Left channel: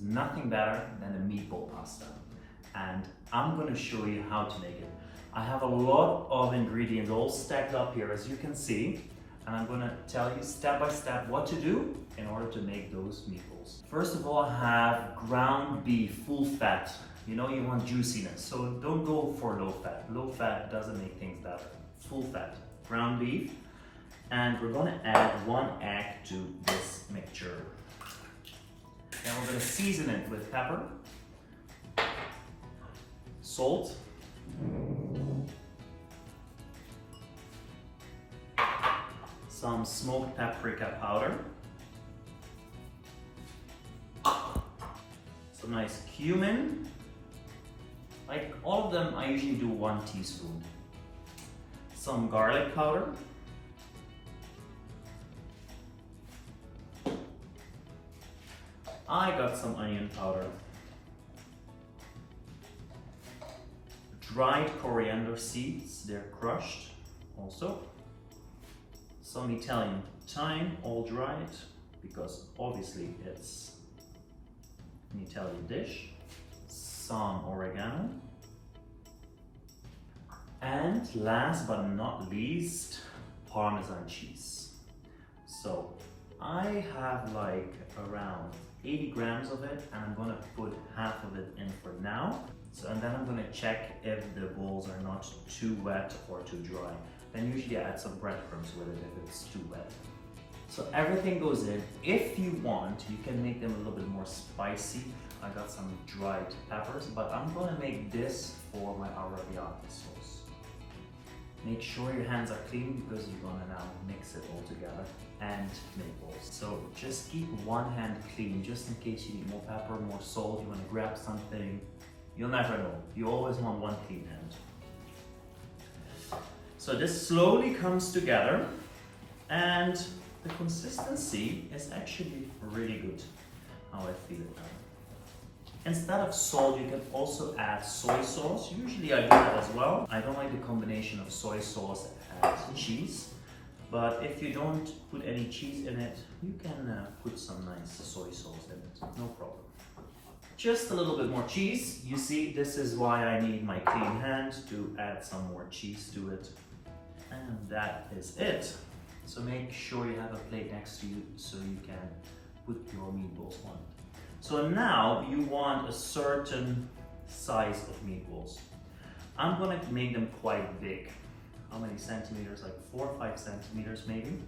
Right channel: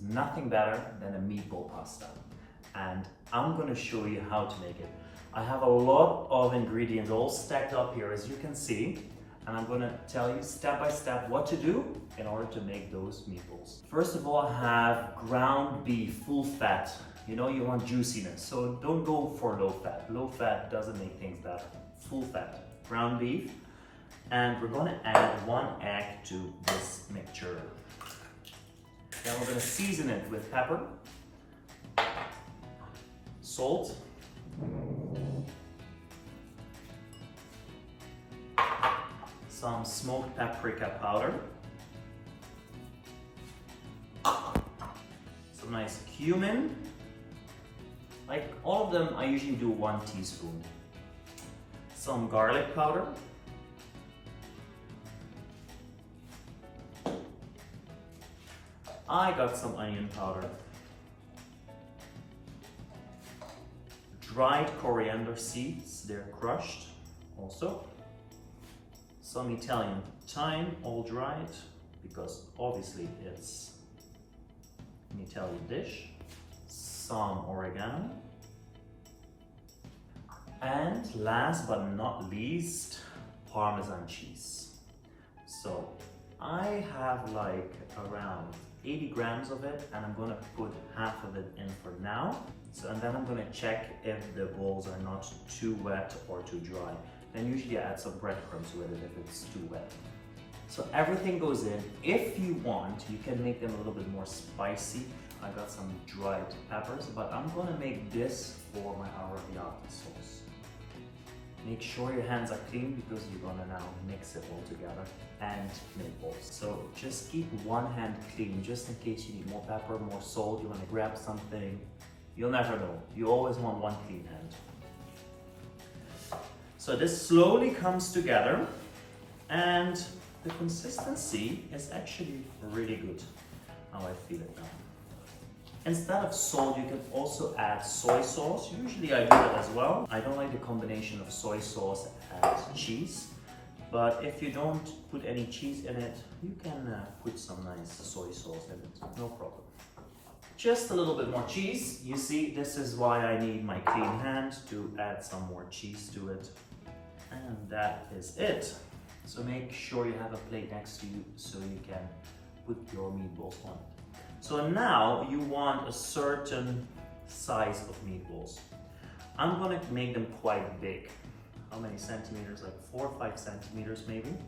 nothing better than a meatball pasta. And I'm gonna show you how to make it. I have a lot of ingredients all stacked up here, as you can see, and I'm gonna tell you step by step what to do in order to make those meatballs. First of all, I have ground beef, full fat. You know you want juiciness, so don't go for low fat. Low fat doesn't make things better. Full fat, ground beef. And we're gonna add 1 egg to this mixture. Then we're gonna season it with pepper, salt, some smoked paprika powder, some nice cumin. Like all of them, I usually do 1 teaspoon. Some garlic powder, I got some onion powder, dried coriander seeds, they're crushed also, some Italian thyme, all dried, because obviously it's an Italian dish, some oregano, and last but not least, Parmesan cheese. So I have like around 80 grams of it, and I'm gonna put half of it in for now. So, and then I'm gonna check if the balls are not too wet or too dry. Then usually I add some breadcrumbs with it if it's too wet. So everything goes in. If you want, you can make them a little bit more spicy. I got some dried peppers, but I'm gonna make this for my arrabbiata sauce. Make sure your hands are clean because you're gonna now mix it all together, and meatballs. So just keep one hand clean just in case you need more pepper, more salt, you wanna grab something. You'll never know. You always want one clean hand. So this slowly comes together, and the consistency is actually really good, how I feel it now. Instead of salt, you can also add soy sauce. Usually I do that as well. I don't like the combination of soy sauce and cheese, but if you don't put any cheese in it, you can put some nice soy sauce in it, no problem. Just a little bit more cheese. You see, this is why I need my clean hand to add some more cheese to it. And that is it. So make sure you have a plate next to you so you can put your meatballs on it. So now you want a certain size of meatballs. I'm gonna make them quite big. How many centimeters? Like 4 or 5 centimeters maybe,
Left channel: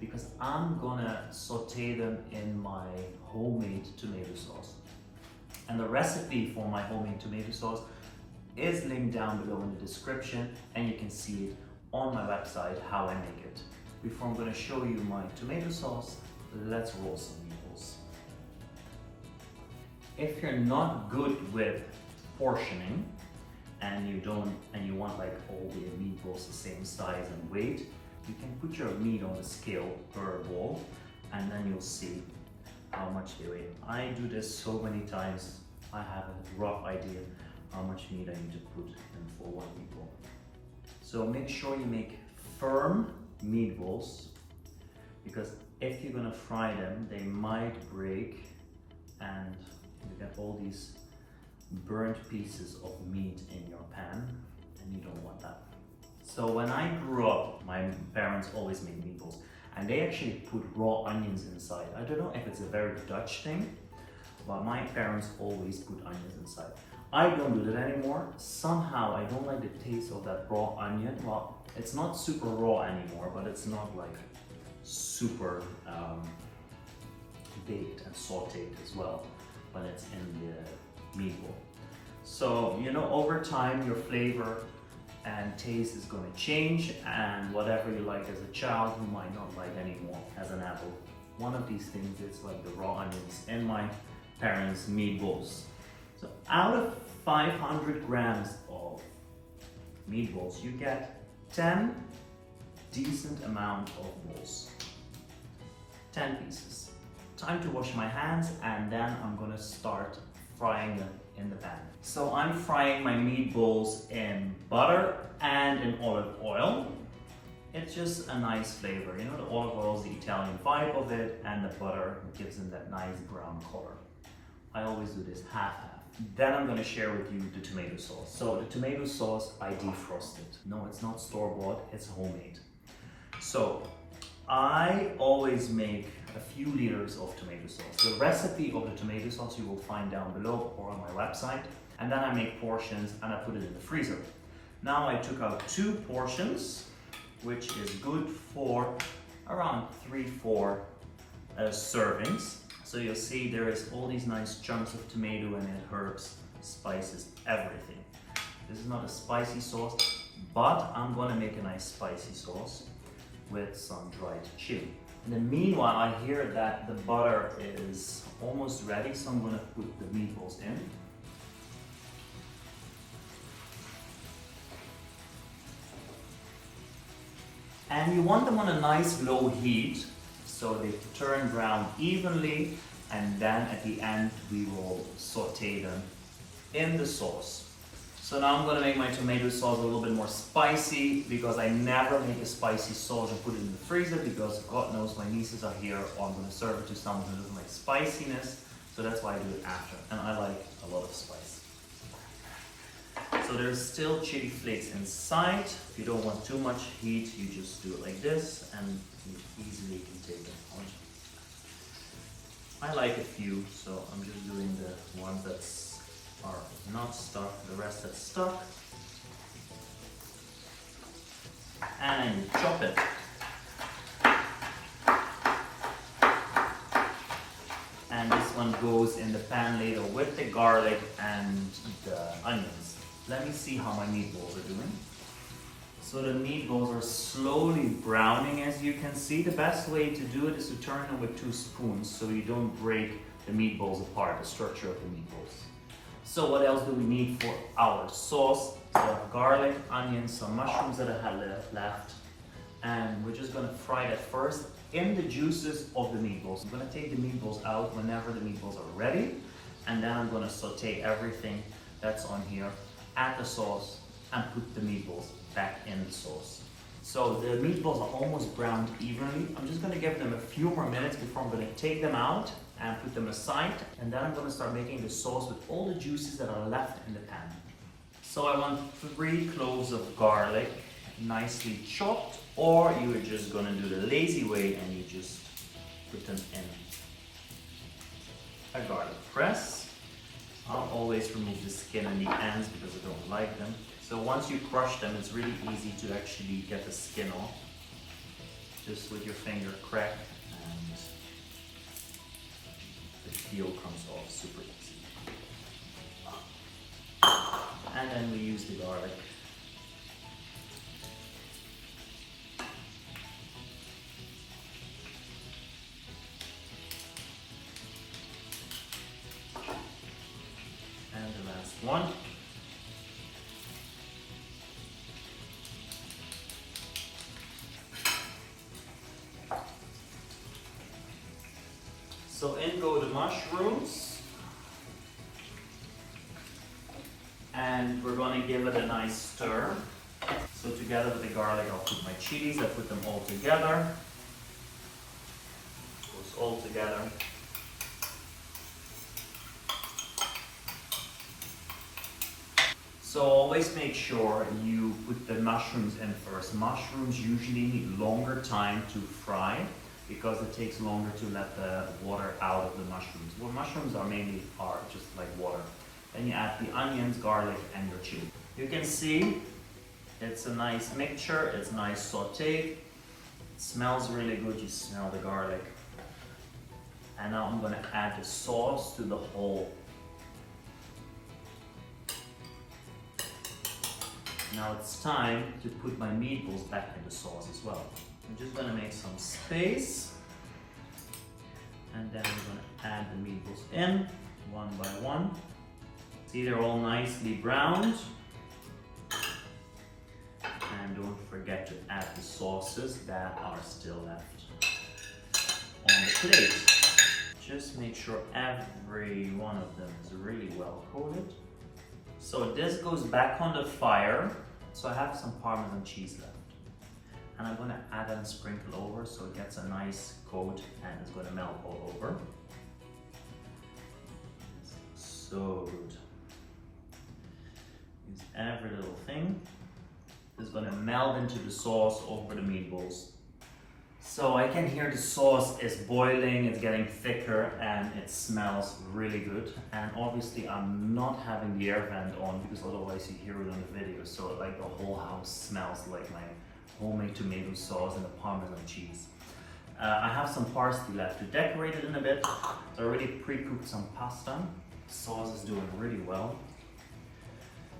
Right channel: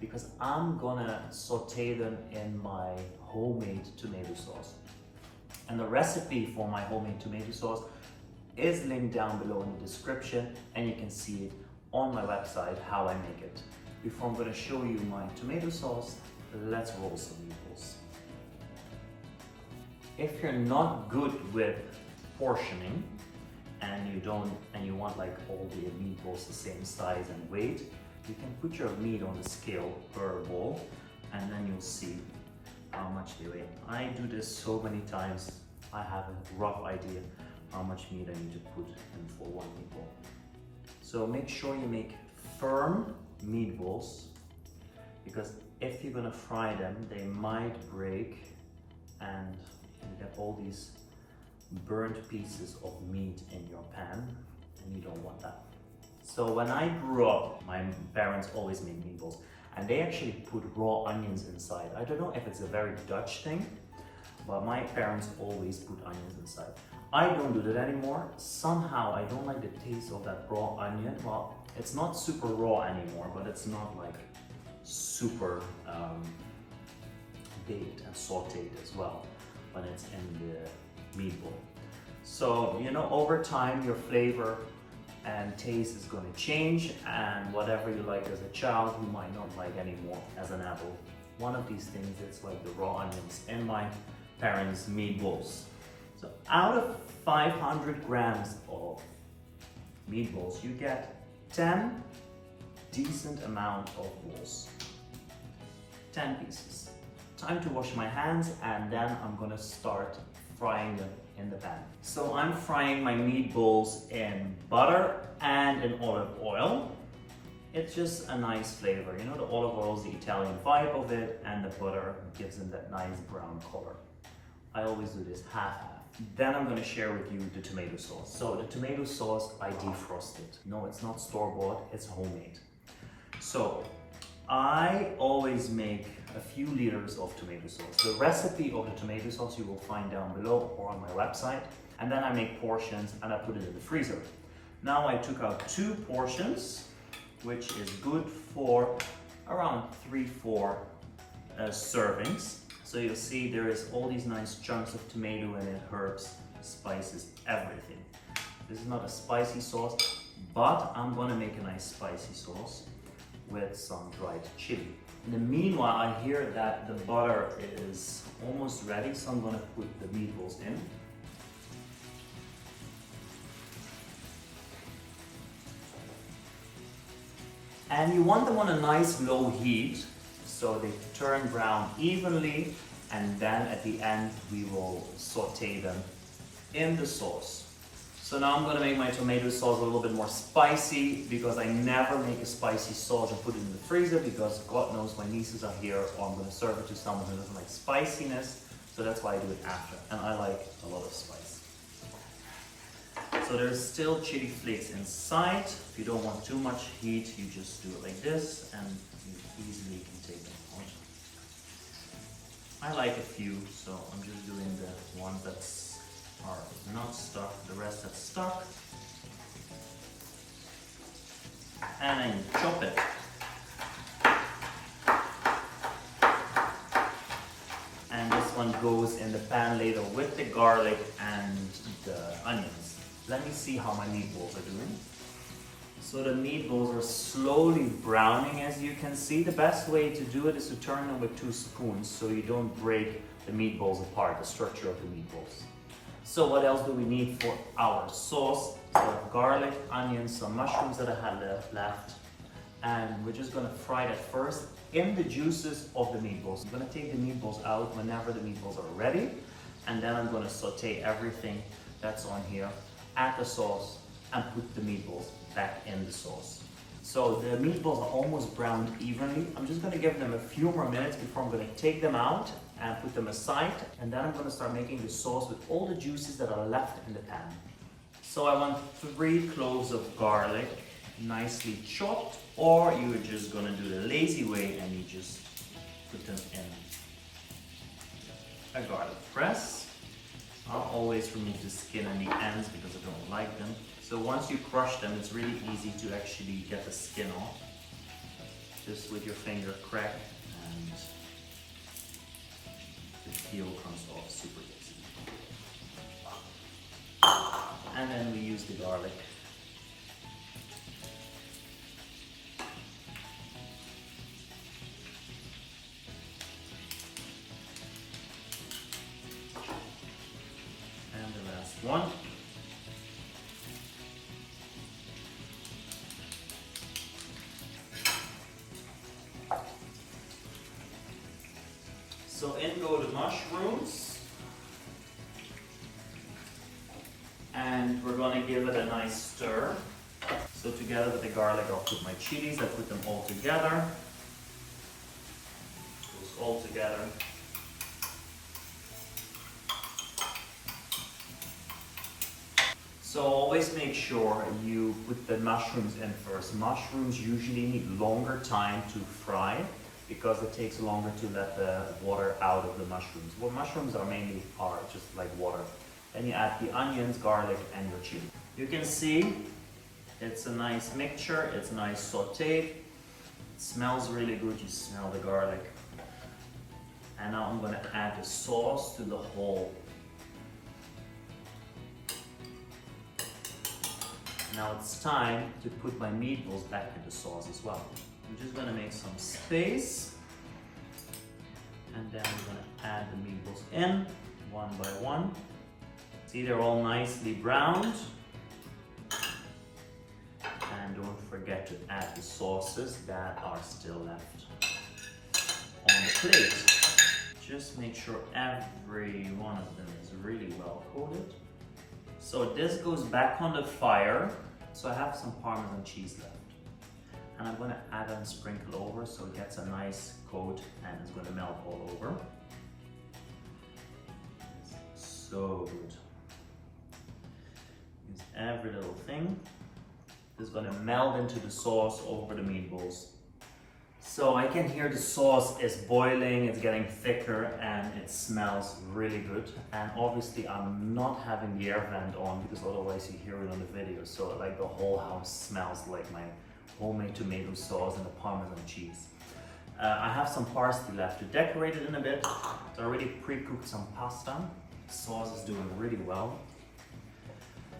because I'm gonna saute them in my homemade tomato sauce. And the recipe for my homemade tomato sauce is linked down below in the description, and you can see it on my website how I make it. Before I'm gonna show you my tomato sauce, let's roll some meatballs. If you're not good with portioning and you want like all the meatballs the same size and weight, you can put your meat on the scale per ball, and then you'll see how much they weigh. I do this so many times, I have a rough idea how much meat I need to put in for one meatball. So make sure you make firm meatballs, because if you're gonna fry them, they might break and you get all these burnt pieces of meat in your pan, and you don't want that. So when I grew up, my parents always made meatballs, and they actually put raw onions inside. I don't know if it's a very Dutch thing, but my parents always put onions inside. I don't do that anymore. Somehow I don't like the taste of that raw onion. Well, it's not super raw anymore, but it's not like super baked and sauteed as well when it's in the meatball. So, you know, over time your flavor and taste is going to change, and whatever you like as a child, you might not like anymore as an adult. One of these things is like the raw onions in my parents' meatballs. So out of 500 grams of meatballs, you get 10 decent amount of balls. 10 pieces. Time to wash my hands, and then I'm gonna start frying them in the pan. So I'm frying my meatballs in butter and in olive oil. It's just a nice flavor. You know, the olive oil is the Italian vibe of it, and the butter gives them that nice brown color. I always do this half-half. Then I'm gonna share with you the tomato sauce. So the tomato sauce, I defrosted. No, it's not store-bought, it's homemade. So I always make a few liters of tomato sauce. The recipe of the tomato sauce you will find down below or on my website. And then I make portions and I put it in the freezer. Now I took out 2 portions, which is good for around 3-4 servings. So you'll see there is all these nice chunks of tomato in it, herbs, spices, everything. This is not a spicy sauce, but I'm gonna make a nice spicy sauce with some dried chili. In the meanwhile, I hear that the butter is almost ready, so I'm gonna put the meatballs in. And you want them on a nice low heat so they turn brown evenly, and then at the end we will saute them in the sauce. So now I'm gonna make my tomato sauce a little bit more spicy, because I never make a spicy sauce and put it in the freezer, because God knows my nieces are here, or I'm gonna serve it to someone who doesn't like spiciness. So that's why I do it after, and I like a lot of spice. So there's still chili flakes inside. If you don't want too much heat, you just do it like this and you easily can take them out. I like a few, so I'm just doing the ones that are not stuck, the rest that's stuck. And then you chop it. And this one goes in the pan later with the garlic and the onions. Let me see how my meatballs are doing. So the meatballs are slowly browning, as you can see. The best way to do it is to turn them with 2 spoons so you don't break the meatballs apart, the structure of the meatballs. So what else do we need for our sauce? So I have garlic, onions, some mushrooms that I had left. And we're just gonna fry that first in the juices of the meatballs. I'm gonna take the meatballs out whenever the meatballs are ready. And then I'm gonna saute everything that's on here, add the sauce, and put the meatballs back in the sauce. So the meatballs are almost browned evenly. I'm just gonna give them a few more minutes before I'm gonna take them out and put them aside. And then I'm gonna start making the sauce with all the juices that are left in the pan. So I want 3 cloves of garlic, nicely chopped, or you are just gonna do the lazy way and you just put them in a garlic press. I'll always remove the skin and the ends because I don't like them. So once you crush them, it's really easy to actually get the skin off. Just with your finger, crack, and the peel comes off super easy. And then we use the garlic. One. So in go the mushrooms, and we're going to give it a nice stir. So together with the garlic, I'll put my chilies. I put them all together. Goes all together. So always make sure you put the mushrooms in first. Mushrooms usually need longer time to fry because it takes longer to let the water out of the mushrooms. What mushrooms are mainly are just like water. Then you add the onions, garlic, and your chili. You can see it's a nice mixture, it's nice sauteed. It smells really good, you smell the garlic. And now I'm gonna add the sauce to the whole. Now it's time to put my meatballs back in the sauce as well. I'm just gonna make some space, and then we're gonna add the meatballs in one by one. See, they're all nicely browned. And don't forget to add the sauces that are still left on the plate. Just make sure every one of them is really well coated. So this goes back on the fire. So I have some Parmesan cheese left. And I'm gonna add and sprinkle over so it gets a nice coat and it's gonna melt all over. so good. Use every little thing. It's gonna melt into the sauce over the meatballs. So I can hear the sauce is boiling, it's getting thicker, and it smells really good. And obviously I'm not having the air vent on because otherwise you hear it on the video. So like the whole house smells like my homemade tomato sauce and the Parmesan cheese. I have some parsley left to decorate it in a bit. So I already pre-cooked some pasta. The sauce is doing really well.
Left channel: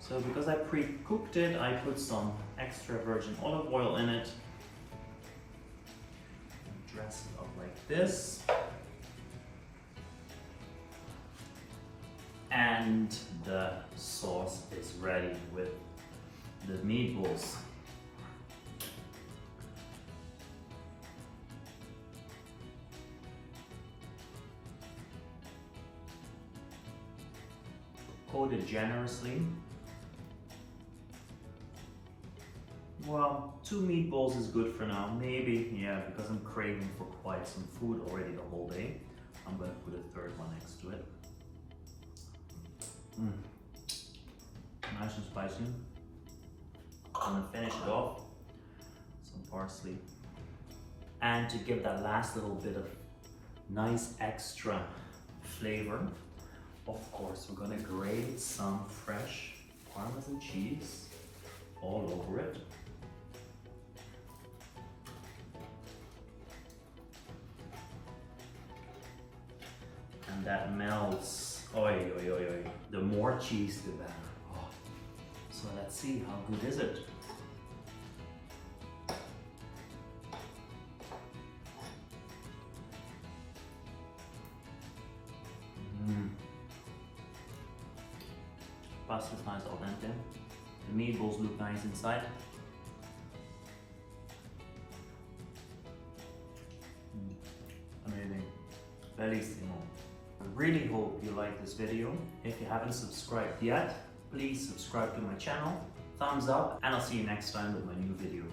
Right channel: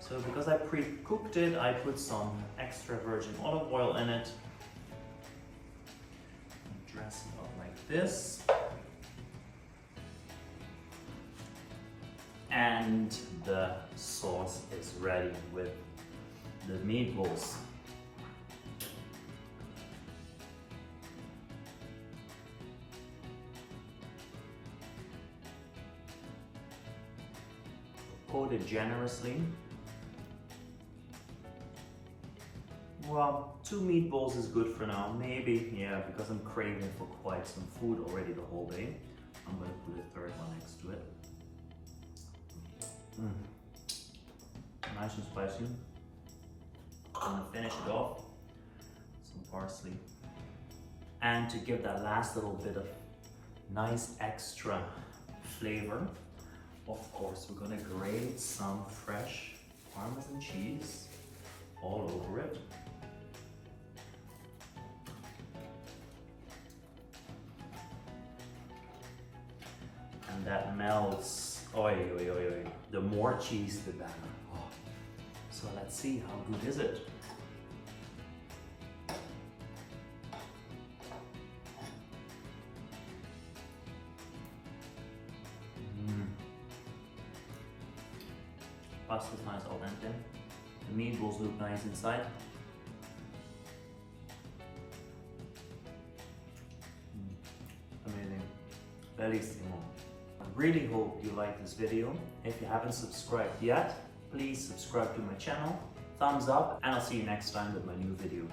So because I pre-cooked it, I put some extra virgin olive oil in it. Dress it up like this. And the sauce is ready with the meatballs. Coat it generously. Well, 2 meatballs is good for now. Maybe, yeah, because I'm craving for quite some food already the whole day. I'm gonna put a third one next to it. Nice and spicy. I'm gonna finish it off. Some parsley. And to give that last little bit of nice extra flavor, of course, we're gonna grate some fresh Parmesan cheese all over it. And that melts. Oi, oi, oi, oi. The more cheese, the better. Oh. So let's see, how good is it? Pasta's nice al dente. The meatballs look nice inside. Amazing. Bellissimo. I really hope you like this video. If you haven't subscribed yet, please subscribe to my channel. Thumbs up, and I'll see you next time with my new video.